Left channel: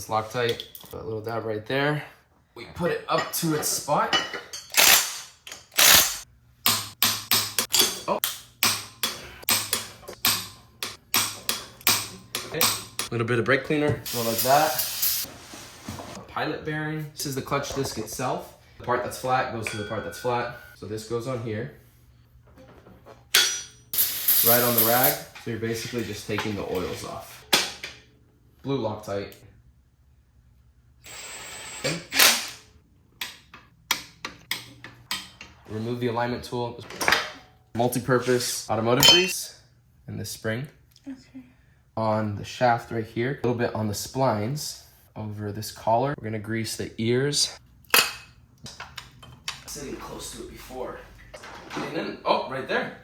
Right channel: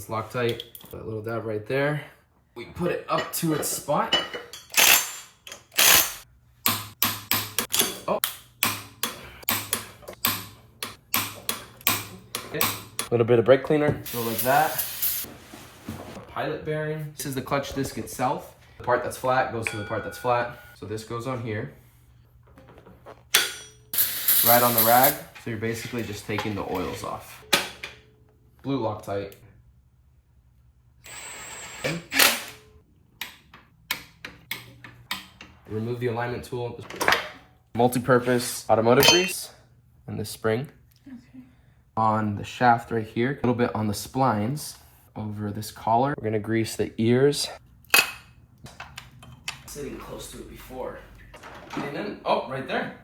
this Loctite. A little dab right there. We put it up to its spot. Oh. Okay. A little bit of brake cleaner. Go like that. A pilot bearing. This is the clutch disc itself. The part that's flat goes to the part that's flat. So this goes on here. Right on the rag. So you're basically just taking the oils off. Blue Loctite. Okay. Remove the alignment tool. Multi-purpose automotive grease and this spring. Okay. On the shaft right here, a little bit on the splines over this collar. We're gonna grease the ears. Sitting close to it before. And then, oh, right there.